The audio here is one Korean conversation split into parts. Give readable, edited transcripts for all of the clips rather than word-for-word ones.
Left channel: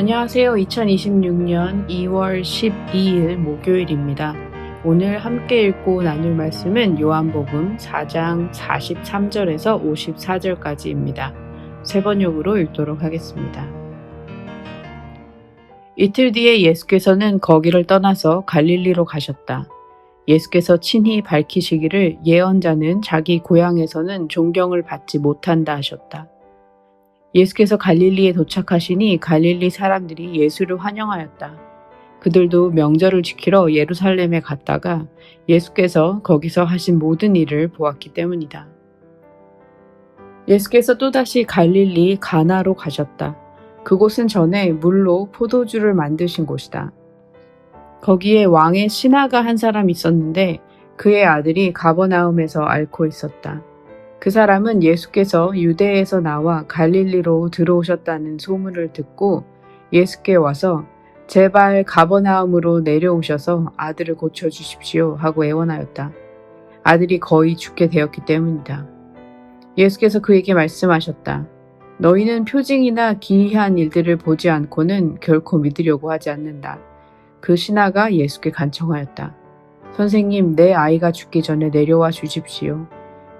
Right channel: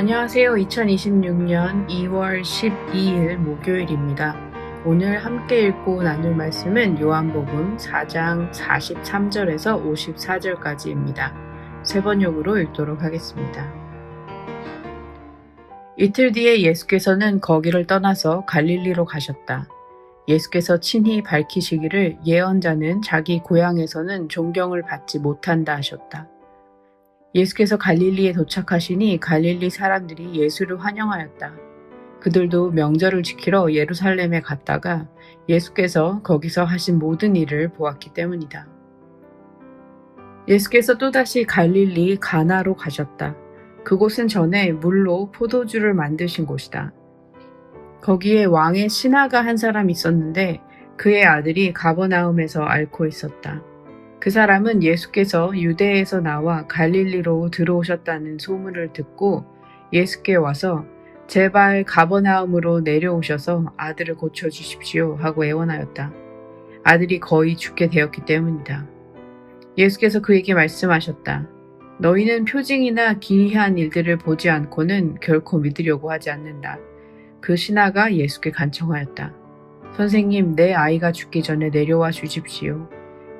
안녕하세요. 2026년 2월 12일 목요일입니다. 오늘 함께 읽고 나눌 말씀은 요한복음 4장 43절에서 54절까지입니다. 세 번역으로 읽도록 하겠습니다. 이틀 뒤에 예수께서는 거기를 떠나서 갈릴리로 가셨다. 예수께서 친히 밝히시기를 예언자는 자기 고향에서는 존경을 받지 못한다 하셨다. 예수께서 갈릴리에 도착하시니 갈릴리 사람들이 예수를 환영하였다. 그들도 명절을 지키러 예루살렘에 갔다가 예수께서 거기서 하신 모든 일을 보았기 때문이다. 예수께서 또다시 갈릴리 가나로 가셨다. 그곳은 전에 물로 포도주를 만드신 곳이다. 거기에 왕의 신하가 한 사람 있었는데 그의 아들이 가버나움에서 앓고 있었다. 그 사람은 예수께서 유대에서 나와 갈릴리로 들어오셨다는 소문을 듣고 예수께 와서 제발 가버나움으로 내려오셔서 아들을 고쳐주십시오 하고 애원하였다. 아들이 거의 죽게 되었기 때문이다. 예수께서 그에게 말씀하셨다. 너희는 표징이나 기이한 일들을 보지 않고는 결코 믿으려고 하지 않는다. 그 신하가 예수께 간청하였다. 선생님, 내 아이가 죽기 전에 내려와 주십시오.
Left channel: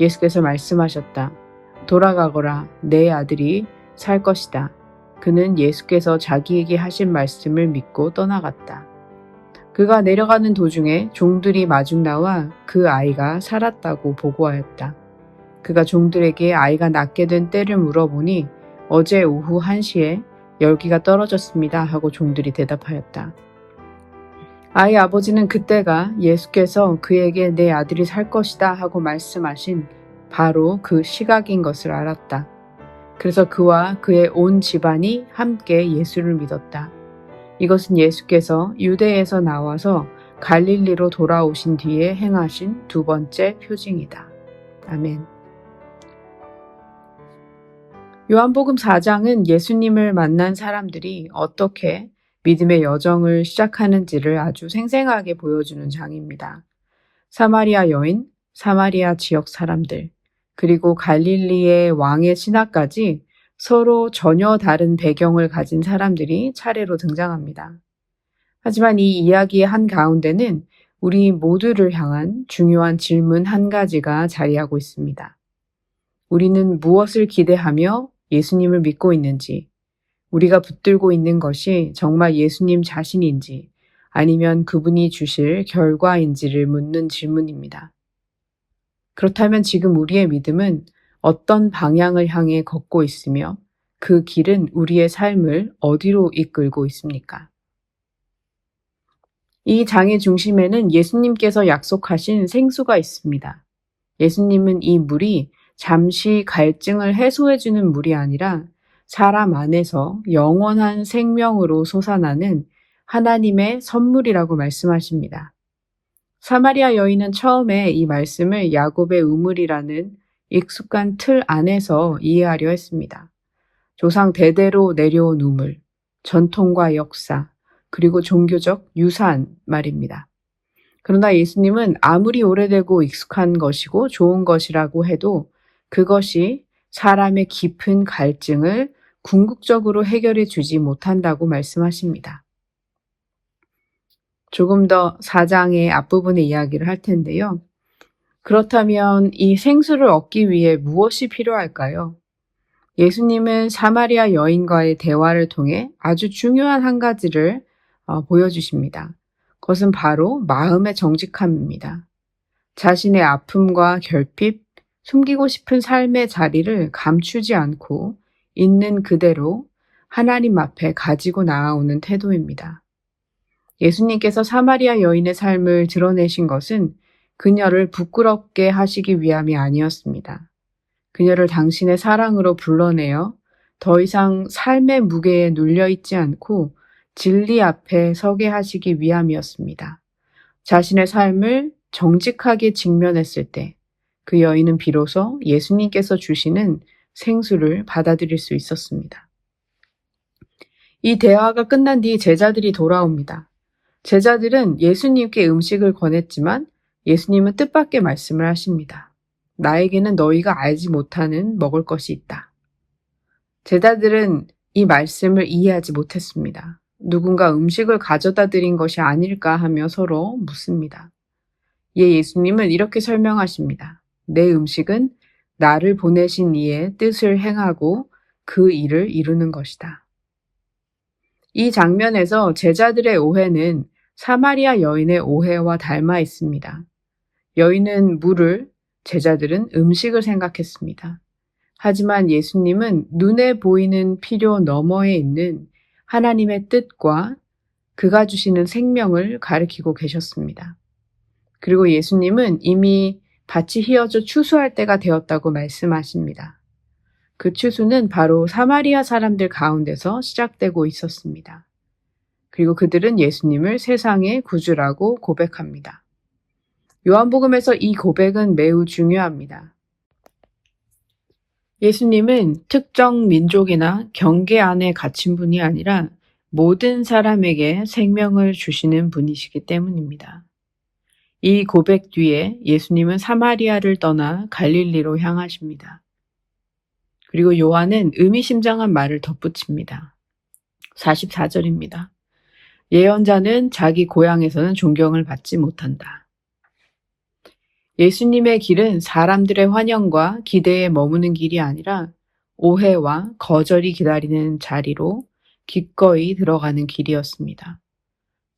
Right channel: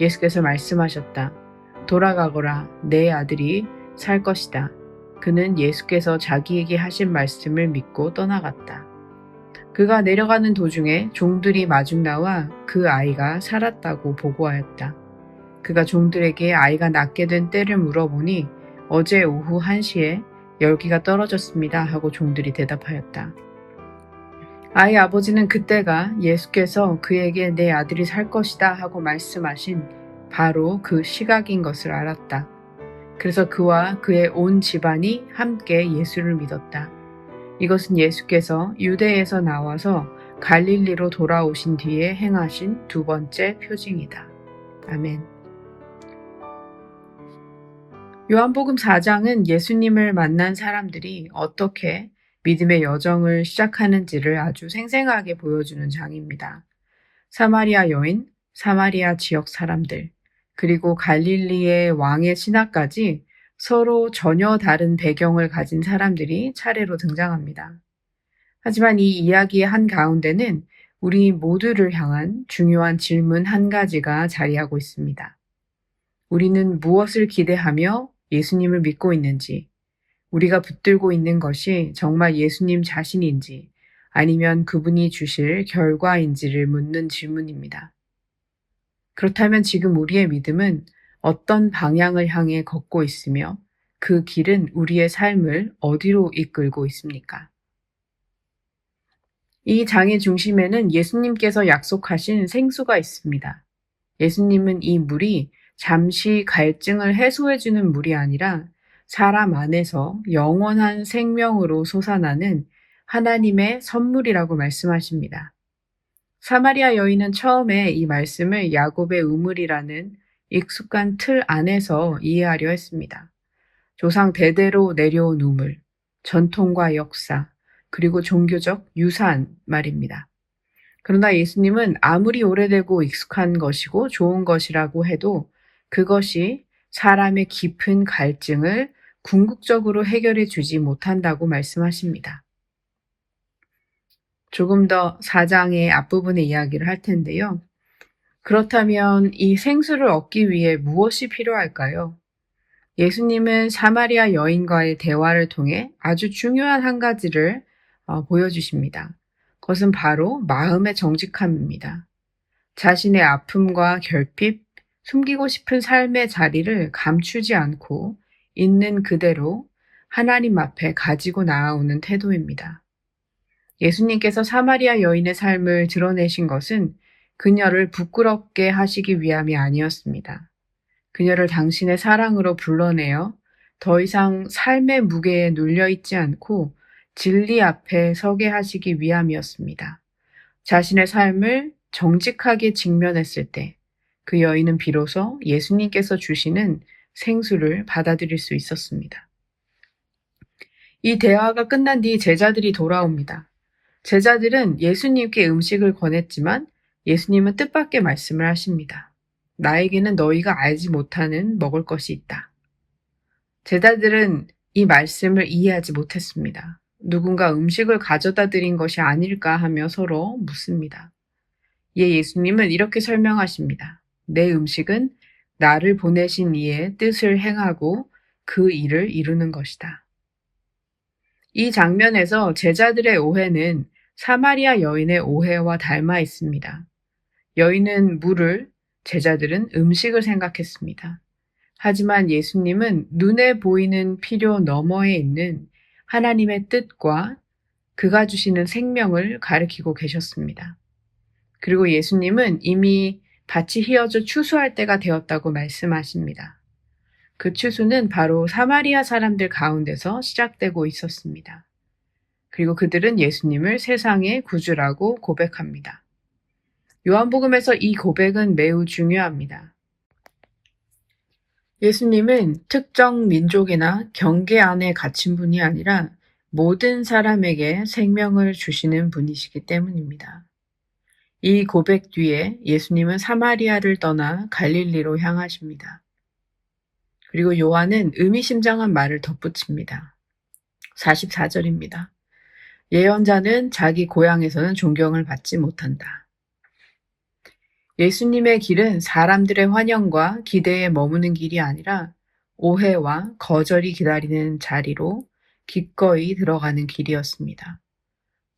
예수께서 말씀하셨다. 돌아가거라, 내 아들이 살 것이다. 그는 예수께서 자기에게 하신 말씀을 믿고 떠나갔다. 그가 내려가는 도중에 종들이 마중 나와 그 아이가 살았다고 보고하였다. 그가 종들에게 아이가 낫게 된 때를 물어보니 어제 오후 1시에 열기가 떨어졌습니다 하고 종들이 대답하였다. 아이 아버지는 그때가 예수께서 그에게 내 아들이 살 것이다 하고 말씀하신 바로 그 시각인 것을 알았다. 그래서 그와 그의 온 집안이 함께 예수를 믿었다. 이것은 예수께서 유대에서 나와서 갈릴리로 돌아오신 뒤에 행하신 두 번째 표징이다. 아멘. 요한복음 4장은 예수님을 만난 사람들이 어떻게 믿음의 여정을 시작하는지를 아주 생생하게 보여주는 장입니다. 사마리아 여인, 사마리아 지역 사람들, 그리고 갈릴리의 왕의 신하까지 서로 전혀 다른 배경을 가진 사람들이 차례로 등장합니다. 하지만 이 이야기의 한가운데는 우리 모두를 향한 중요한 질문 한 가지가 자리하고 있습니다. 우리는 무엇을 기대하며 예수님을 믿고 있는지, 우리가 붙들고 있는 것이 정말 예수님 자신인지 아니면 그분이 주실 결과인지를 묻는 질문입니다. 그렇다면 지금 우리의 믿음은 어떤 방향을 향해 걷고 있으며 그 길은 우리의 삶을 어디로 이끌고 있습니까? 이 장의 중심에는 예수님께서 약속하신 생수가 있습니다. 예수님은 이 물이 잠시 갈증을 해소해주는 물이 아니라 사람 안에서 영원한 생명으로 솟아나는 하나님의 선물이라고 말씀하십니다. 사마리아 여인은 처음에 이 말씀을 야곱의 우물이라는 익숙한 틀 안에서 이해하려 했습니다. 조상 대대로 내려온 우물, 전통과 역사, 그리고 종교적 유산 말입니다. 그러나 예수님은 아무리 오래되고 익숙한 것이고 좋은 것이라고 해도 그것이 사람의 깊은 갈증을 궁극적으로 해결해 주지 못한다고 말씀하십니다. 조금 더 4장의 앞부분의 이야기를 할 텐데요. 그렇다면 이 생수를 얻기 위해 무엇이 필요할까요? 예수님은 사마리아 여인과의 대화를 통해 아주 중요한 한 가지를 보여주십니다. 그것은 바로 마음의 정직함입니다. 자신의 아픔과 결핍, 숨기고 싶은 삶의 자리를 감추지 않고 있는 그대로 하나님 앞에 가지고 나아오는 태도입니다. 예수님께서 사마리아 여인의 삶을 드러내신 것은 그녀를 부끄럽게 하시기 위함이 아니었습니다. 그녀를 당신의 사랑으로 불러내어 더 이상 삶의 무게에 눌려있지 않고 진리 앞에 서게 하시기 위함이었습니다. 자신의 삶을 정직하게 직면했을 때 그 여인은 비로소 예수님께서 주시는 생수를 받아들일 수 있었습니다. 이 대화가 끝난 뒤 제자들이 돌아옵니다. 제자들은 예수님께 음식을 권했지만 예수님은 뜻밖의 말씀을 하십니다. 나에게는 너희가 알지 못하는 먹을 것이 있다. 제자들은 이 말씀을 이해하지 못했습니다. 누군가 음식을 가져다 드린 것이 아닐까 하며 서로 묻습니다. 예수님은 이렇게 설명하십니다. 내 음식은 나를 보내신 이의 뜻을 행하고 그 일을 이루는 것이다. 이 장면에서 제자들의 오해는 사마리아 여인의 오해와 닮아 있습니다. 여인은 물을, 제자들은 음식을 생각했습니다. 하지만 예수님은 눈에 보이는 필요 너머에 있는 하나님의 뜻과 그가 주시는 생명을 가리키고 계셨습니다. 그리고 예수님은 이미 밭이 휘어져 추수할 때가 되었다고 말씀하십니다. 그 추수는 바로 사마리아 사람들 가운데서 시작되고 있었습니다. 그리고 그들은 예수님을 세상의 구주라고 고백합니다. 요한복음에서 이 고백은 매우 중요합니다. 예수님은 특정 민족이나 경계 안에 갇힌 분이 아니라 모든 사람에게 생명을 주시는 분이시기 때문입니다. 이 고백 뒤에 예수님은 사마리아를 떠나 갈릴리로 향하십니다. 그리고 요한은 의미심장한 말을 덧붙입니다. 44절입니다. 예언자는 자기 고향에서는 존경을 받지 못한다. 예수님의 길은 사람들의 환영과 기대에 머무는 길이 아니라 오해와 거절이 기다리는 자리로 기꺼이 들어가는 길이었습니다.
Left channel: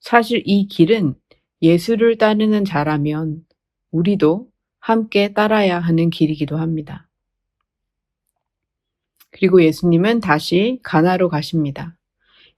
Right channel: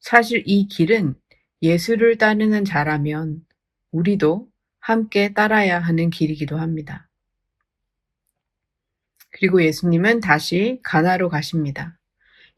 사실 이 길은 예수를 따르는 자라면 우리도 함께 따라야 하는 길이기도 합니다. 그리고 예수님은 다시 가나로 가십니다.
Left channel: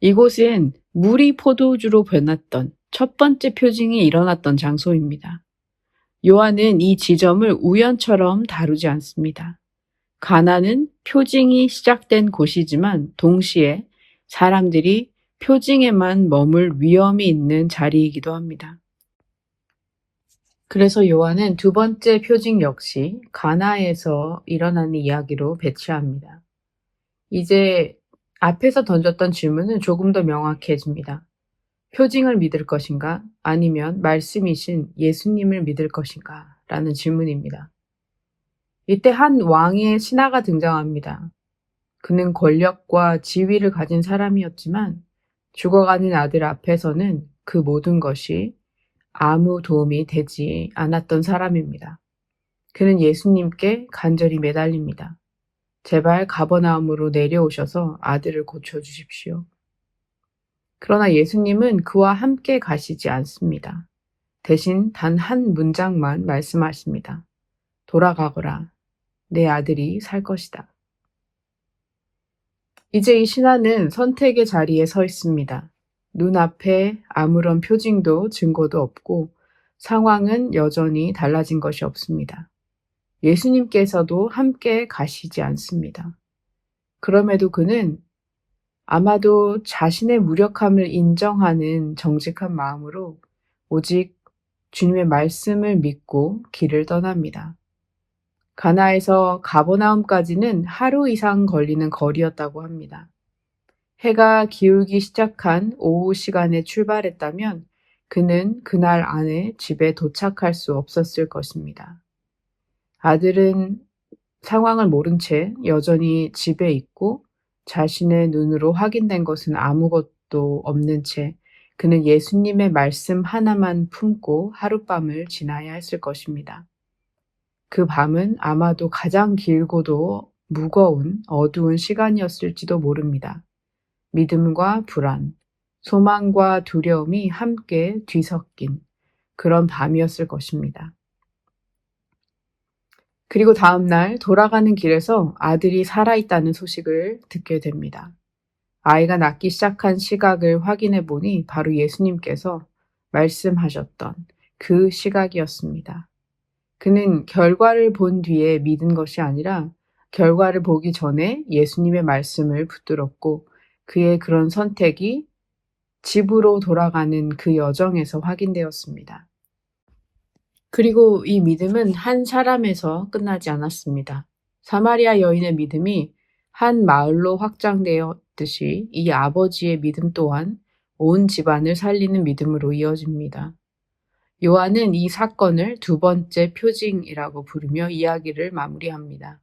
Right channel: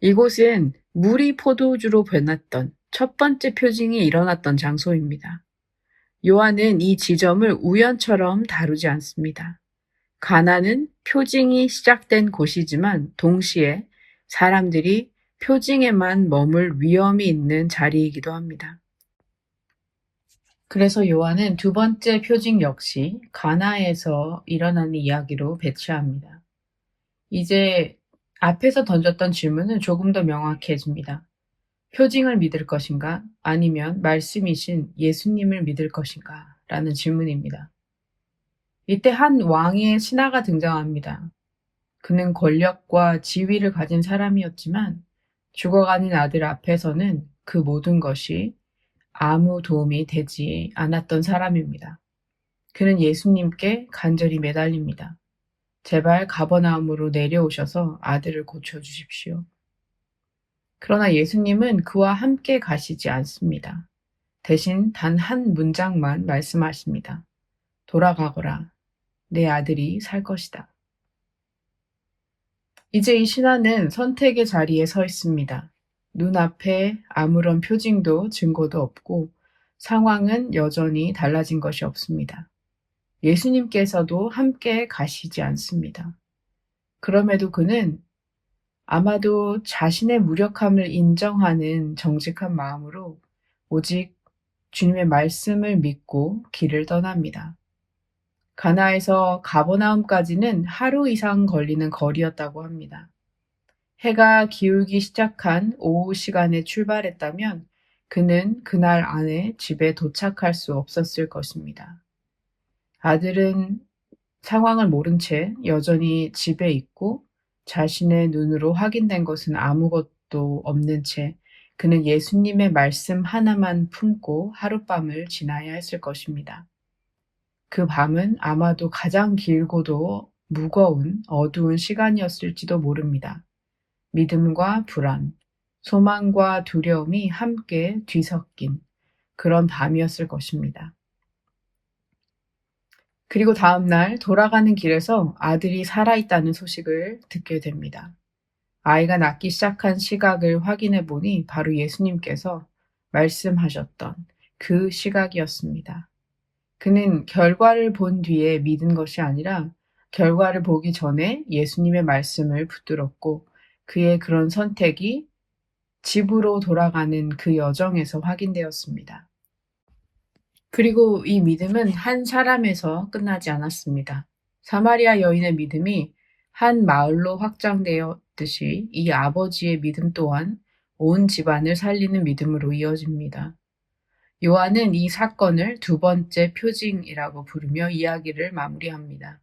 이곳은 물이 포도주로 변했던 첫 번째 표징이 일어났던 장소입니다. 요한은 이 지점을 우연처럼 다루지 않습니다. 가나는 표징이 시작된 곳이지만 동시에 사람들이 표징에만 머물 위험이 있는 자리이기도 합니다. 그래서 요한은 두 번째 표징 역시 가나에서 일어나는 이야기로 배치합니다. 이제 앞에서 던졌던 질문은 조금 더 명확해집니다. 표징을 믿을 것인가? 아니면 말씀이신 예수님을 믿을 것인가? 라는 질문입니다. 이때 한 왕의 신하가 등장합니다. 그는 권력과 지위를 가진 사람이었지만 죽어가는 아들 앞에서는 그 모든 것이 아무 도움이 되지 않았던 사람입니다. 그는 예수님께 간절히 매달립니다. 제발 가버나움으로 내려오셔서 아들을 고쳐주십시오. 그러나 예수님은 그와 함께 가시지 않습니다. 대신 단 한 문장만 말씀하십니다. 돌아가거라. 내 아들이 살 것이다. 이제 이 신하는 선택의 자리에 서 있습니다. 눈앞에 아무런 표징도 증거도 없고 상황은 여전히 달라진 것이 없습니다. 예수님께서도 함께 가시지 않습니다. 그럼에도 그는 아마도 자신의 무력함을 인정하는 정직한 마음으로 오직 주님의 말씀을 믿고 길을 떠납니다. 가나에서 가버나움까지는 하루 이상 걸리는 거리였다고 합니다. 해가 기울기 시작한 오후 시간에 출발했다면 그는 그날 안에 집에 도착할 수 없었을 것입니다. 아들은 상황을 모른 채 여전히 집에 있고 자신의 눈으로 확인된 것은 아무것도 없는 채 그는 예수님의 말씀 하나만 품고 하룻밤을 지나야 했을 것입니다. 그 밤은 아마도 가장 길고도 무거운 어두운 시간이었을지도 모릅니다. 믿음과 불안, 소망과 두려움이 함께 뒤섞인 그런 밤이었을 것입니다. 그리고 다음 날 돌아가는 길에서 아들이 살아있다는 소식을 듣게 됩니다. 아이가 낫기 시작한 시각을 확인해 보니 바로 예수님께서 말씀하셨던 그 시각이었습니다. 그는 결과를 본 뒤에 믿은 것이 아니라 결과를 보기 전에 예수님의 말씀을 붙들었고 그의 그런 선택이 집으로 돌아가는 그 여정에서 확인되었습니다. 그리고 이 믿음은 한 사람에서 끝나지 않았습니다. 사마리아 여인의 믿음이 한 마을로 확장되었듯이 이 아버지의 믿음 또한 온 집안을 살리는 믿음으로 이어집니다. 요한은 이 사건을 두 번째 표징이라고 부르며 이야기를 마무리합니다.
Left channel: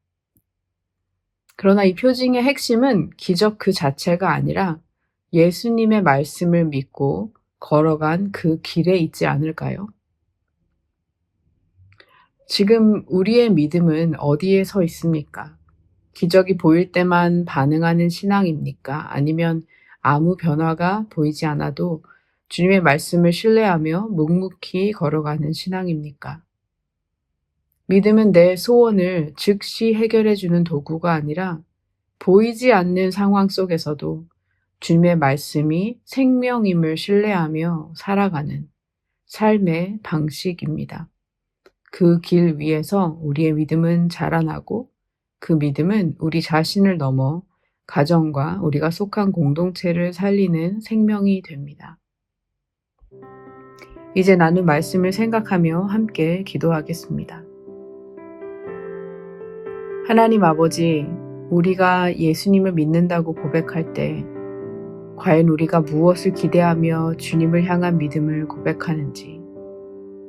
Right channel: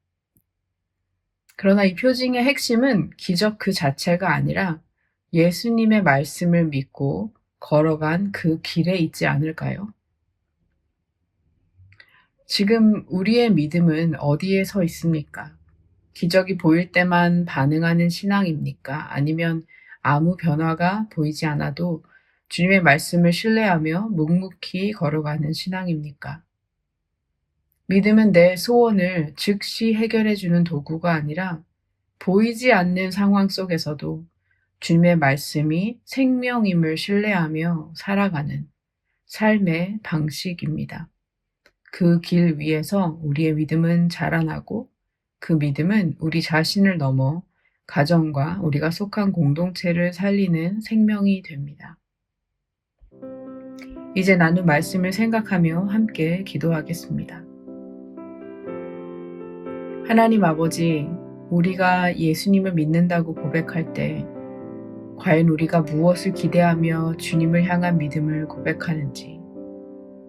그러나 이 표징의 핵심은 기적 그 자체가 아니라 예수님의 말씀을 믿고 걸어간 그 길에 있지 않을까요? 지금 우리의 믿음은 어디에 서 있습니까? 기적이 보일 때만 반응하는 신앙입니까? 아니면 아무 변화가 보이지 않아도 주님의 말씀을 신뢰하며 묵묵히 걸어가는 신앙입니까? 믿음은 내 소원을 즉시 해결해주는 도구가 아니라 보이지 않는 상황 속에서도 주님의 말씀이 생명임을 신뢰하며 살아가는 삶의 방식입니다. 그 길 위에서 우리의 믿음은 자라나고 그 믿음은 우리 자신을 넘어 가정과 우리가 속한 공동체를 살리는 생명이 됩니다. 이제 나눈 말씀을 생각하며 함께 기도하겠습니다. 하나님 아버지, 우리가 예수님을 믿는다고 고백할 때 과연 우리가 무엇을 기대하며 주님을 향한 믿음을 고백하는지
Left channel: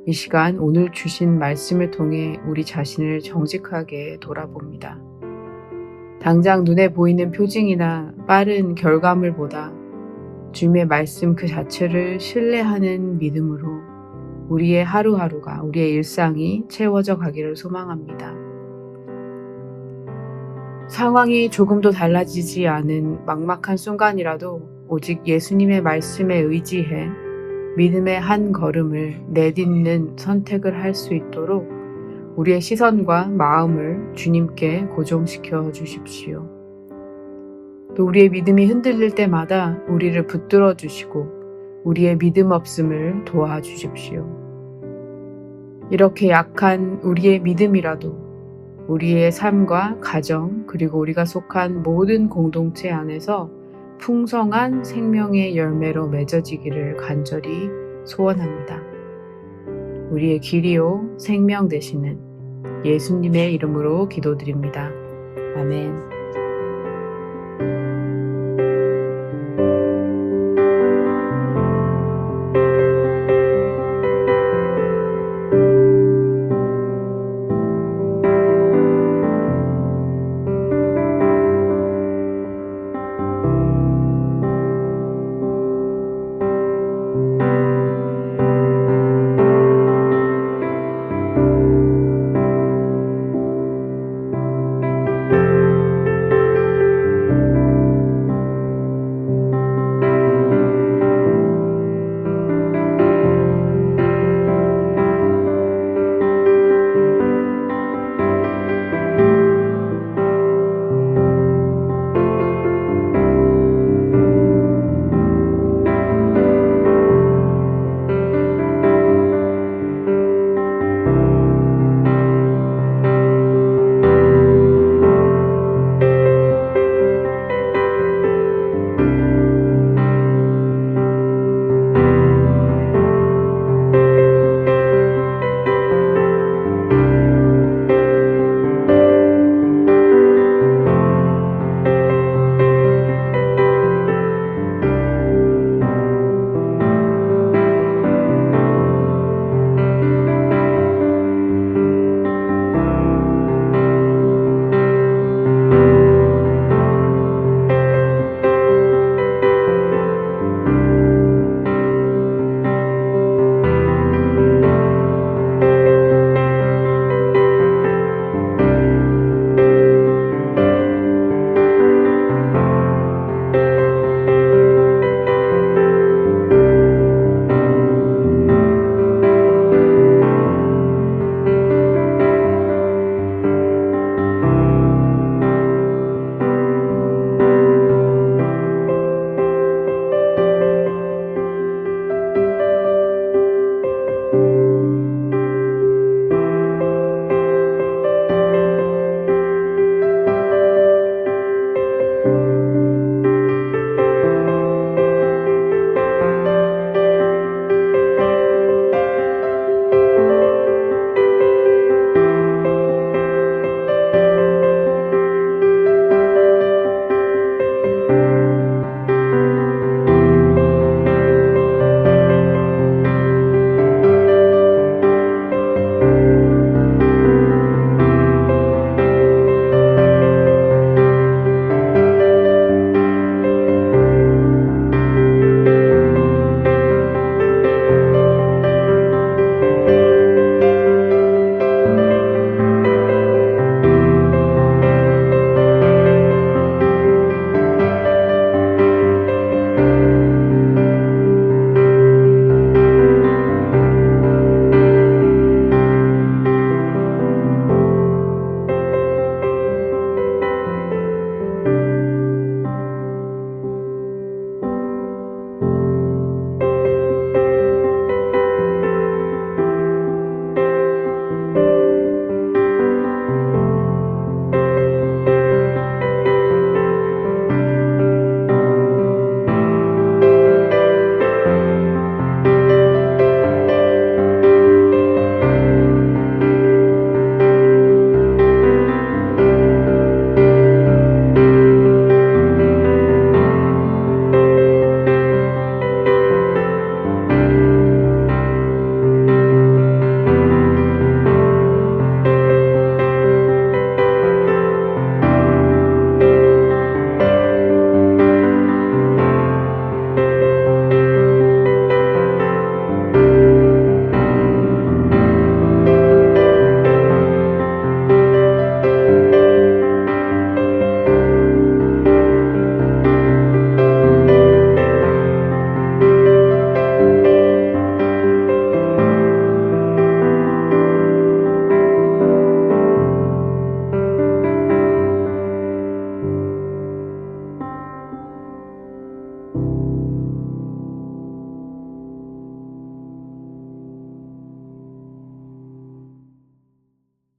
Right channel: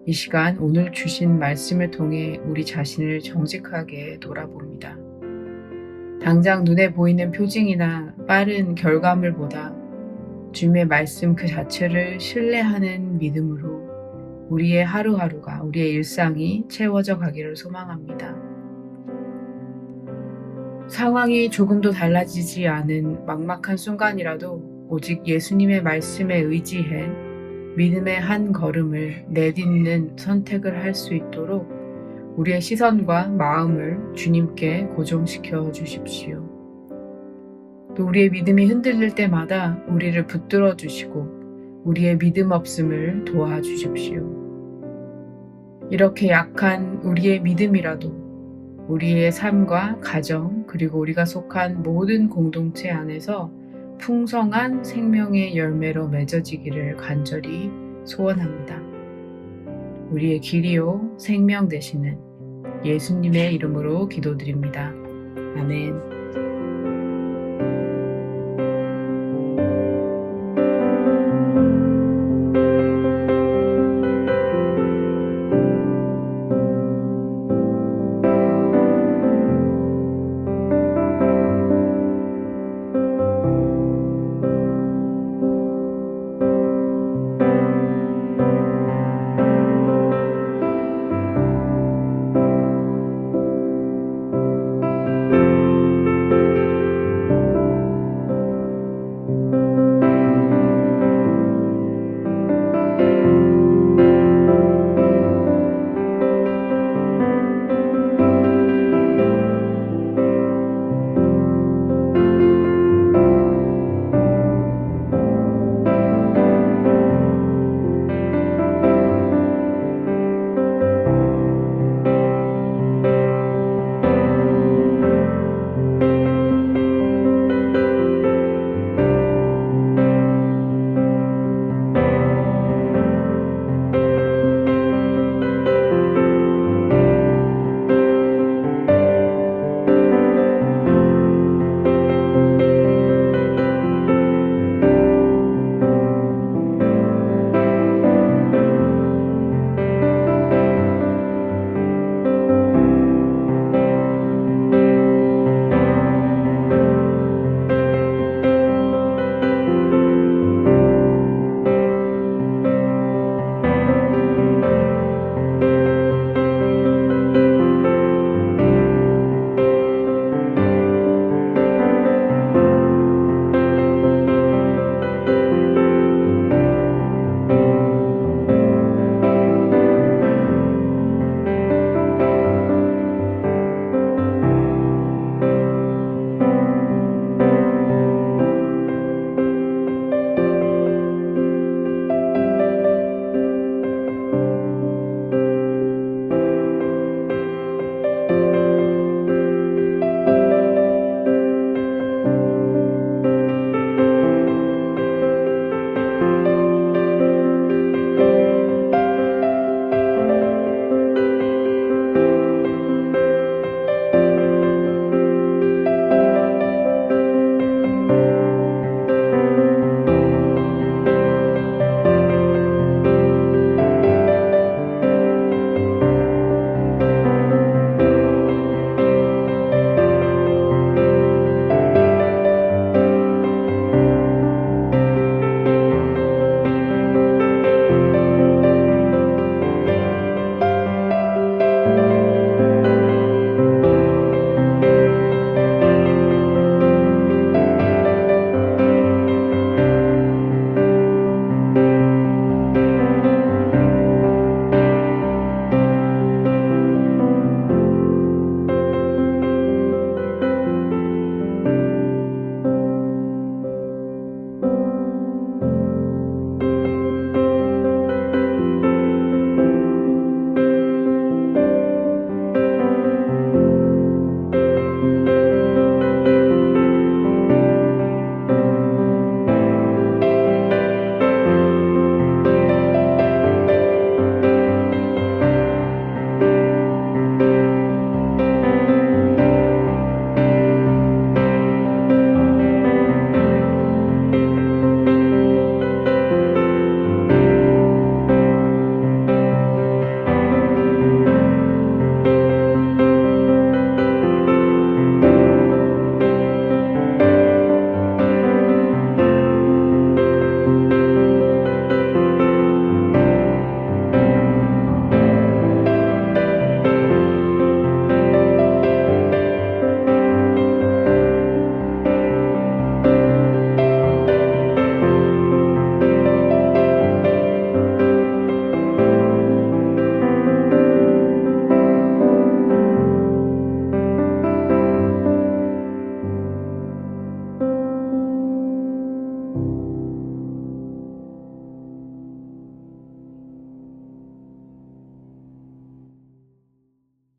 이 시간 오늘 주신 말씀을 통해 우리 자신을 정직하게 돌아봅니다. 당장 눈에 보이는 표징이나 빠른 결과물보다 주님의 말씀 그 자체를 신뢰하는 믿음으로 우리의 하루하루가, 우리의 일상이 채워져 가기를 소망합니다. 상황이 조금도 달라지지 않은 막막한 순간이라도 오직 예수님의 말씀에 의지해 믿음의 한 걸음을 내딛는 선택을 할 수 있도록 우리의 시선과 마음을 주님께 고정시켜 주십시오. 또 우리의 믿음이 흔들릴 때마다 우리를 붙들어 주시고 우리의 믿음 없음을 도와주십시오. 이렇게 약한 우리의 믿음이라도 우리의 삶과 가정 그리고 우리가 속한 모든 공동체 안에서 풍성한 생명의 열매로 맺어지기를 간절히 소원합니다. 우리의 길이요 생명 되시는 예수님의 이름으로 기도드립니다. 아멘.